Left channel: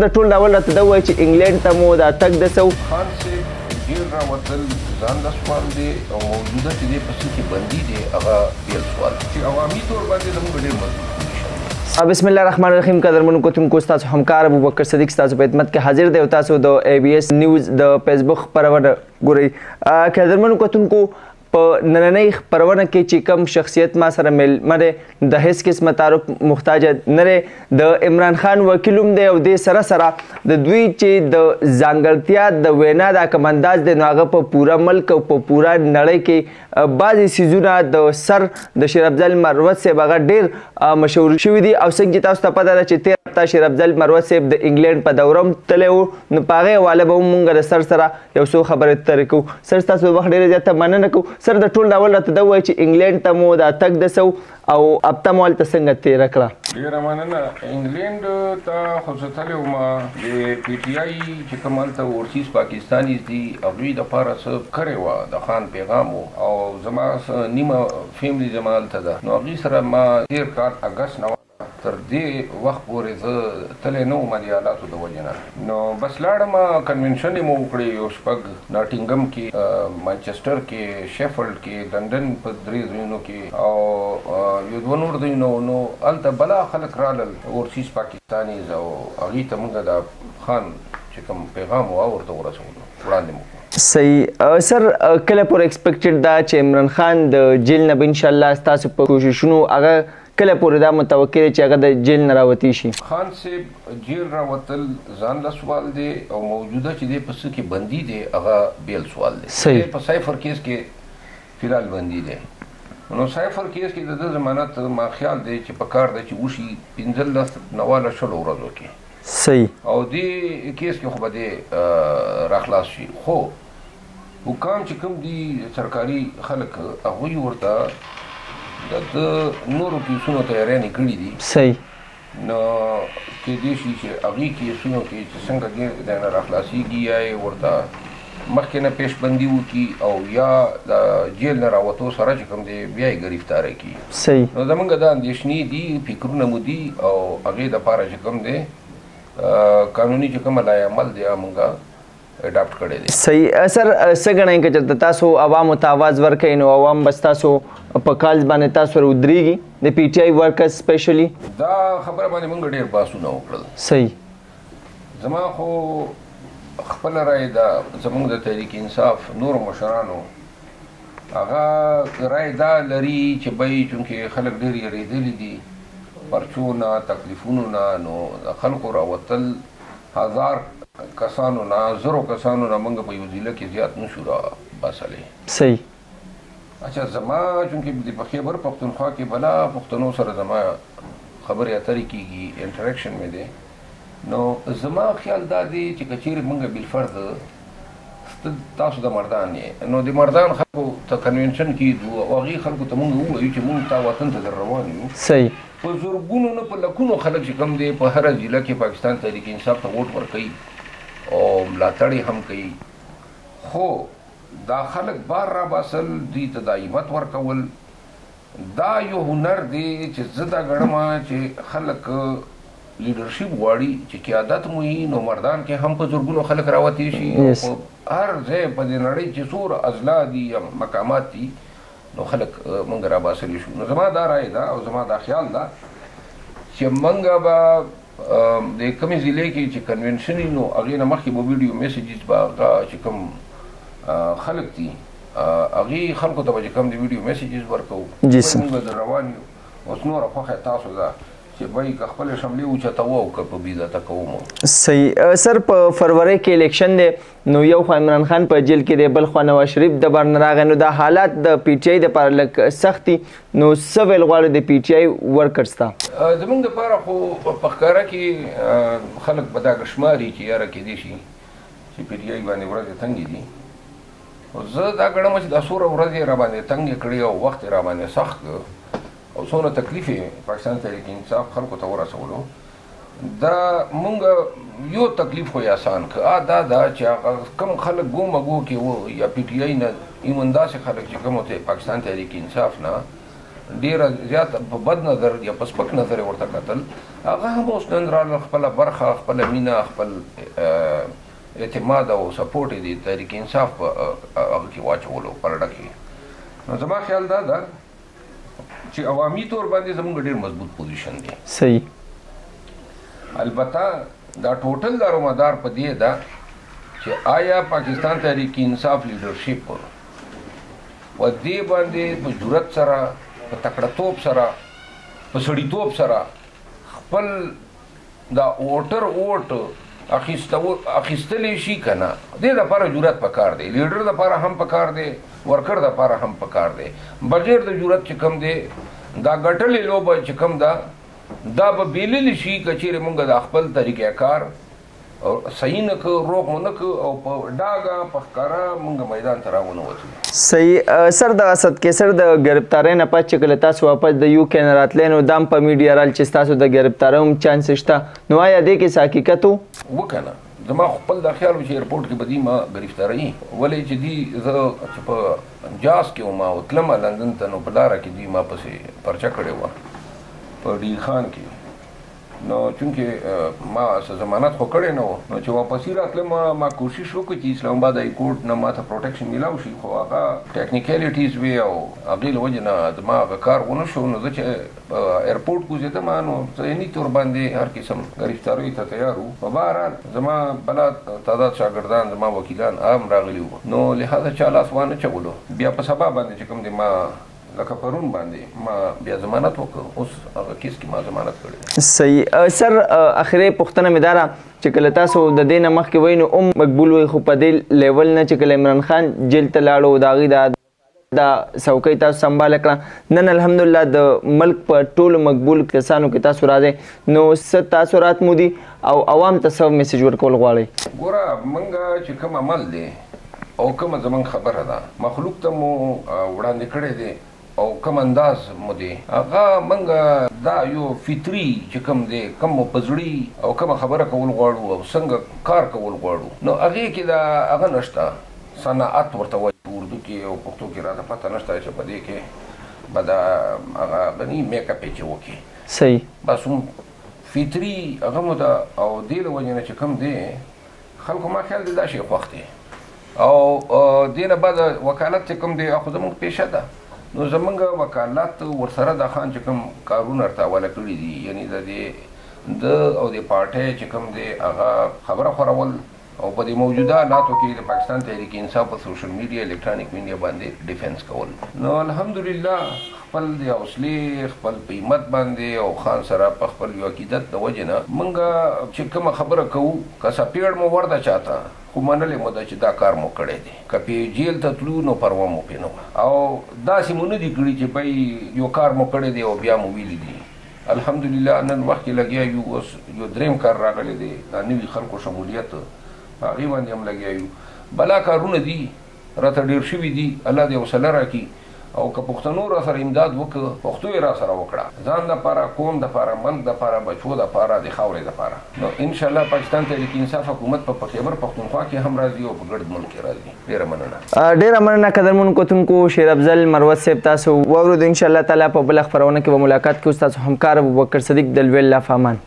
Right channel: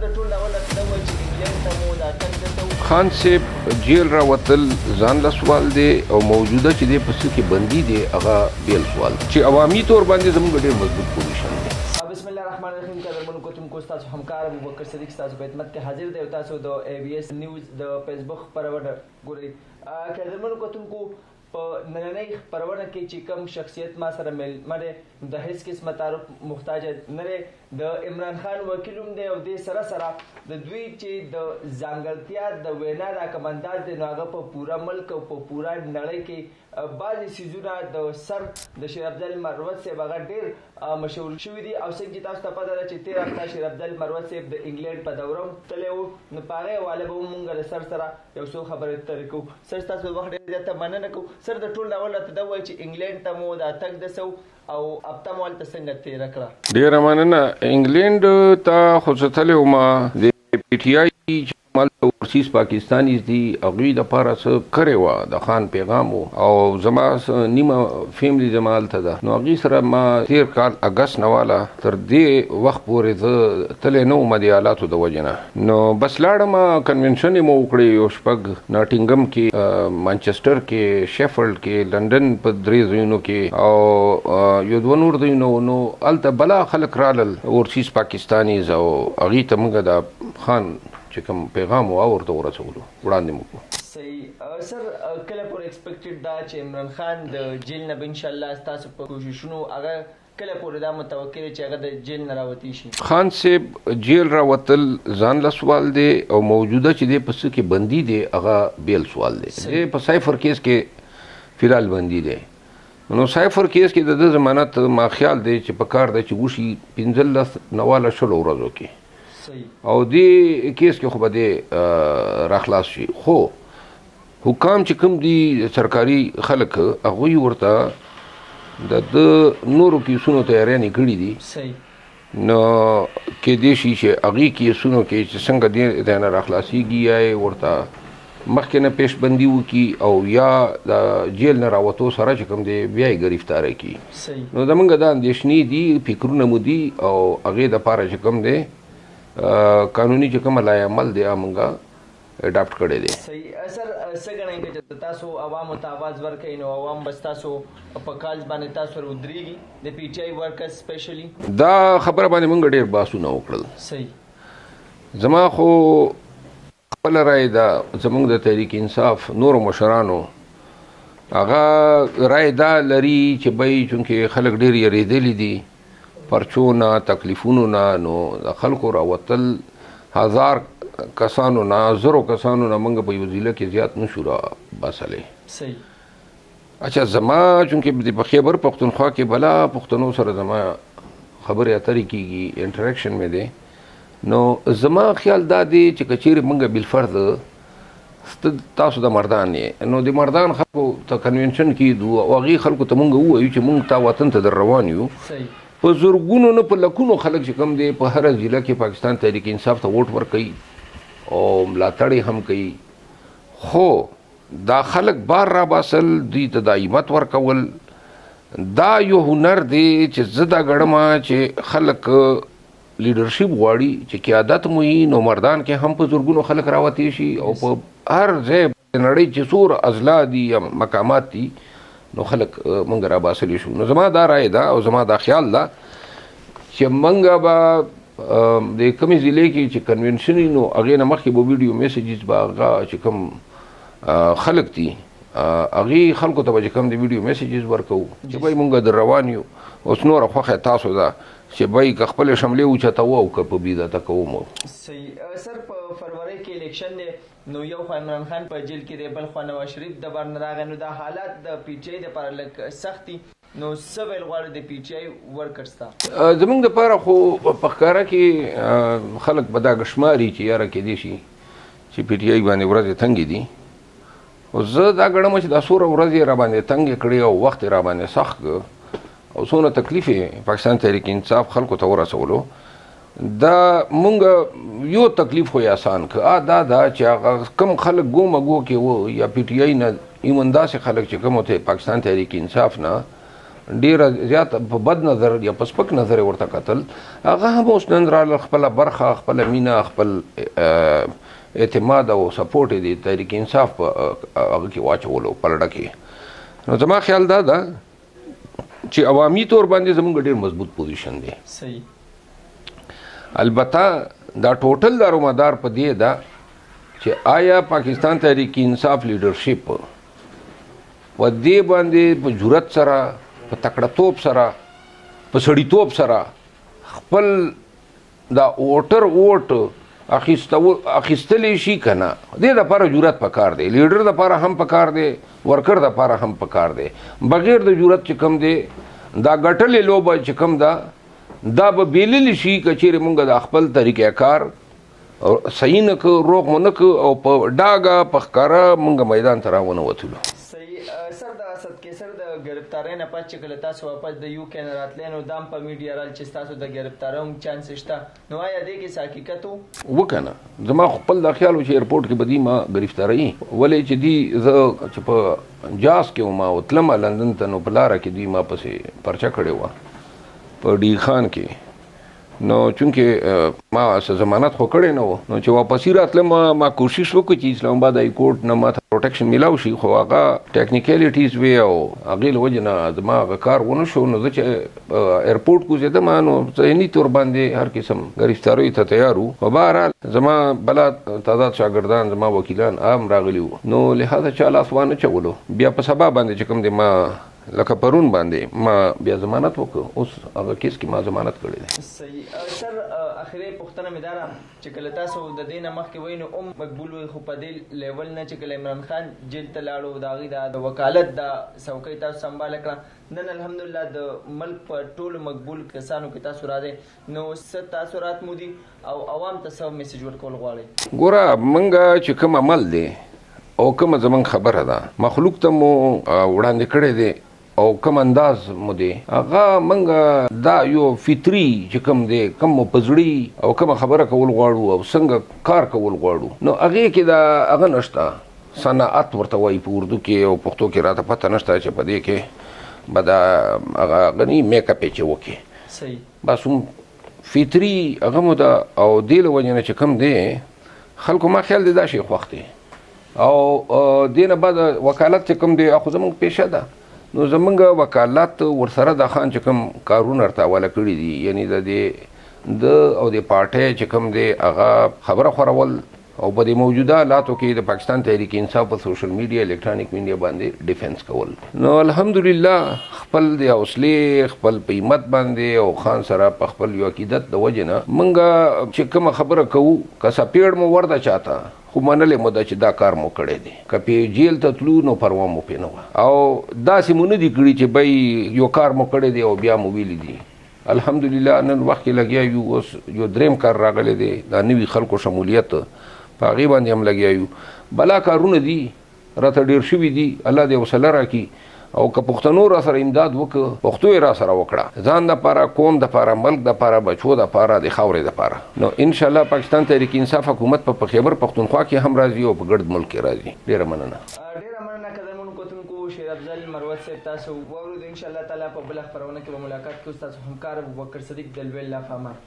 د ټول ډول راته دا وایي چې انګلینډ ته مو دا تګ د څه خان صاحب جیل راوتل ځان له سوال دی او موجوده چې دی په څه کې بندي دی هغه بیل سوال چې عوامي طور باندې زموږ ډېر مضبوط پوزیشن. بسم الله الرحمن الرحیم. قدرمنو کوتونکو ستاسو همکار ابوبکر صدیق ستاسو په خدمت کې حاضر دی او تاسو د ABS نیوز د فیسبوک خپرونه ګورئ. قدرمنو کوتونکو په نننۍ خپرونه کې چې کوم شخصیت ما سره میلمه دی د هیڅ قسمه تعارف محتاج نه دی. د عمران خان وکیل هم دی او دې سره سره د دوی چې د ځانګړتیا د وینا دا کوم انداز دی نو هغه په پوره ملک او په پوره نړۍ کې بعضې څیزونه د سر د شیر افضل مروت صاحب هغه ډېر مشهور شوي دي او څنګه چې تاسو ته پته ده چې تېره هفته شیر افضل مروت صاحب د انګلینډ په دوره هم تللی و نو په هغې حواله به هم مونږ د سر سره یو څو خبرې ترې کوو. سر ستاسو د وخت ډېره زیاته مننه کوو. سر د ټول ډول راته دا وایي چې انګلینډ ته مو دا تګ د څه او هفته مو هلته څنګه تېره کړه؟ ډېره مننه. انګلینډ ته خو زه تللی وم د PTI چې کوم هلته اورسیز پاکستانیز دي هغوی دپاره څه کړې وه د خان پیغام و او زما نیمه فیملی زما هلته ده نو هغوی سره ما تېر کال اګست نه واله تر دې وخت پورې زه تللی نه وم د حالاتو د وجې نه نو بس لاړم کنونشن یې مو وکړې یو شپږ ناټینګم کې مانچسټر کې شیفلډ کې لندن په درې ځایونو کې او یو دوه نور ځایونه نو هلته بلا خلک رالل اورسیز پاکستانیز او هغوی ته موږ د خان چې کوم پیغام و ورته ورسولو وړاندې مو کړو. صحیح. سر کله پورې ایکسپیکټډ ده چې عمران خان د جیل نه به انشاءالله ستاسو په کوششونو هغه کله پورې دا متوقع دی چې هغه د جیل نه راوتی شي؟ خان صاحب جیل راوتل ځان له سوال دی او موجوده چې دی په څه کې بندي دی هغه بیل سوال دی. صحیح. په سایفر کیس کې فی الحال بندي دی نو سایفر کیس کې د ضمانت ما خیال دی چې په کار دی چې وشي 15 نه واله شلو ورځو کې. صحیح. او دې کیس کې خو به دی راخلاص شي خو حکام چې کوم دي سرکاري خلک هغوی ورته د نورو کیسونو تیاریانې کړي دي. صحیح. نو کیدای شي چې هغې کیسونو کې چې څنګه دی نه راخلاصېږي یا یې ورته مخکې نه پیشبندي وکړي او یا د جیل نه راوتو سره چې کوم دی بیا یې ګرفتاره کړي. صحیح. نو زموږ دا اندېښنې دي فکرونه مو دي او هغې دپاره چې کوم دی قانوني چې کومه لای عمل دی موږ اډاپټ کړی دی. صحیح. سر څه ګڼئ که چېرته تاسو عوامو ته آواز ورکوئ نو عوام به ستاسو په کالز باندې تاسو سره ودرېږي د PTI ورکرز سپیشلی؟ دا خبره باندې موږ ډېر بحثونه وکړل. صحیح. زما خو خپله رای ده زموږ د تحریک انصاف نورو مشرانو هغه رای دا لري چې بی چونکې خلک ډېر یریدلي دي پرچو نه تکلیفونو نه نو د خلکو راوتل 1000 کسانو نه 0 کسانو نه موږ په یو ضلع کې زیات نشو راباسلی. صحیح. اچھا زما چونکې په خیبر پښتونخوا کې بلا پښتنو سره زما خبرې اترې کېږي انټریکشن مې دی نو زما خیال دا دی چې که چیرې موږ بالفرض تاسو د مردان یې نو د مردان خلکو ته کنونشن کېدو او هغې خلکو ته موږ ووایو چې موږ تا وطن ته در روان یو. صحیح. په زرګونو نه په لکونو خلک چې کوم دی په هره ضلع کې پاکستان تحریک انصاف ته ووټ ورکوي او ملاتړ یې هم کوي خو دا خلک بار راباسل دوی ته دا عیمت ورکول دا یو هنر دی چې زه دا ګڼم چې خلک لیډرشپ غواړي چې قیادت مو وي نو مردان کې هم په زرګونو خلک راوتی شي او په هر ځای په دې نړۍ چې څومره اضلاع دي یا مقامات دي نو خلک موږ راباسلی شو. نو زما دا رای ده او زما دا خیال ده چې موږ به د کومې ضلع کې چې کنونشن وي نو هغې نه مخکې به ویډیو میسیجز به هغه چې کوم خلک دي هغې خلکو ته به چې کوم د ویډیو میسیجز ورکوو موږ در روان یو اوس نوره خوښه تاسو ده چې بای که خپل شملې اوچتوو او که په بیزته کوو. صحیح. سر په فروری کې الیکشن دی نو یو خوا عمران خان په جیل کې دی بل خوا نواز شریف د بار نه راغی نو دا حالات د PTI دپاره لږ سخت دي نو څه ویل غواړو د PTI ورکرز ته؟ زموږ دپاره خو په ښکاره کې خلک به دا ګشماري چې یاره کیدای شي چې PTI باندې ورځې تنګې دي خو زه دا ګڼم چې دا څومره ورځې را باندې تنګې کړې او وخت یې را باندې سخت او څومره تکلیف یې پاکستان تحریک انصاف خلکو ته ورسولو دا مونږ یو تکلیف خو یې آسان که دا چې هغه کوم خلک ګومه ګو کې و یا PTI نه ایمن داسې خلک چې کوم ته پاکستان تحریک انصاف نه ډیره زیات په بد نظر یا په سپک نظر ورته کتل هغه هم اوس نن راله خپله برخه خپله مینه خپل اعتماد او سپورټ یې د تحریک انصاف په هغه کې واچولو پلډه کې نو زما خیال دا ده چې عوامي طور باندې زموږ ډېر مضبوط پوزیشن دی صحیح البته دا ټوټل دارومدار په دې ده چې آیا پاکستان تحریک انصاف لیډرشپ په دې باندې په جرأت سره په تکړه‌توب سره په سړیتوب سره خپل دا ووټر ووټ اخیستلی شي که نه دې دپاره جرأت پکار دی لیډر دپاره هم پکار دی ورکر دپاره هم پکار دی بغیر د جرأت چې کوم دی دا ګټلې لوبه چې کوم ده دا به بیللی شي که چیرې مونږ د خپل طریقه کار صحیح نه که روغ مو نه که او په ډاګه په ښکاره مونږ میدان ته راونه وتلو صحیح سر دغه صدقې سر د ګرفتارۍ نه پس چې کله تاسو واپس د یو کې نه راتلی نو دا هم په میډیا رال چې ستاسو د ګرفتارۍ هم چانس شته نو آیا دې کې څه حقیقت و وکنه زما خپل دا خیال و چې ایرپورټ کې به دوی ما ګرفتاروي ولې چې دوی زه چې په جاز کې وم او تلمه لندن ته نو په لاره کې دوی ما پسې پرچه کړې وه په ډي خان کې نو چونکې ما څه ضمانت خو کړی نه و نو چې واپسي راتلم ما کوشش وکړ چې اسلام آباد های کورټ نه ماته پروټیکشن میلاو شي خو هغه ټیکنیکلیټیز وی او هغې له وجې نه زما هغه کار ونه شو نو زه چې ایرپورټ کوزېدم نو ذهني طور باندې هر قسم ګرفتاریو ته تیار وو په بهرحال زما بلا تعداد شاګردان زما وکیلان هم راغلي وو نو لهذا چا لاس وانه چولو بیا په سبا باندې چې کوم دی ما لکه پرون باندې ما بیا ضمانت وکړ اوس هغه کیس کې ما ضمانت کړی صحیح سر اخري پوښتنه مې دا ده چې کله تاسو د دې نه مخکې وایي نو مقبول وي خو په دې لیول نه چې کله عمران خان جیل ته لاړو د هغې د وکالت دا څوکۍ تاسو سنباله کړه نن الحمدلله د ملک په ټولو مقبول کسانو کې تاسو راځئ نو څه تاثرات مو دي او عوام ته څه میسج ورکول غواړئ ګوره موږ چې کوم عمل دی او کومه زموږ خبره ده مخلوق ته مو وړاندې کړی دی او کوم انداز مو دی هغه موږ دا یو فطري چې کوم دی کوم مو په زړي او کومه خبره کول غواړو او څنګه کار کول غواړو نو هغې کې دا هغه نشته صنعت ورته وایي په اردو کې او پښتو کې راته پته نشته چې په دې کې به دا هغه غني میک اپ یې چې وکړي صحیح بس هم فطري هغه مو ده او دې له وجې نه چې کوم دی خلکو ما خیال دی دا شی خوښ دی او دې نه بعد وکالت چې کوم دی خو زموږ پیشه ده نو زمونږ وکالت ورسره د خان چې کوم کارونه ورته حواله کړي دي یعنی د او د پارټۍ چې کوم دی هغه خبره خورول او په دې موجوده حالاتو کې د پاکستان تحریک انصاف په سوشل میډیا الکترونیک میډیا باندې ډیفنس کول نو الحمدلله خپل د حوصلې خپل په همت باندې او خان سره په خپل یو عقیدت د وجې نه موږ چې کومه خبره کوو که سپیړ مو ورده چاته خو منلې مو ده چې دا کار مو کړی دی که پې جیل ته تلو نو پروا مو پې نه وه او داسې مو نه دي کړي چې بی یو کار مو کړی دی او بیا مو ویلي دي الحمدلله نن وخت کې لګیا یو اوس یو دریم کار راغلی دی دا نوي خلکو شمولیت په هغې باندې هم لګیا یو بلا کارونه دي راته ډېر شوي دي الله دې حوصله راکړي او که پښتنو را سره امداد وکړه پښتو یې را سره وکړه ځان دپاره قوم دپاره ملک دپاره بچو دپاره د خاورې دپاره نو انشاءالله پاکستان تحریک انصاف حکومت په خیبر پختونخوا کې هم راځي او په ګرد ملک کې راځي ډېره مننه ډېره مننه قدرمنو کتونکو شیر افضل مروت صاحب تاسو واورو د انشاءالله تعالی په بله خپرونه کې به ملاقات کوو ستاسو همکار ابوبکر صدیق د لوی الله په امان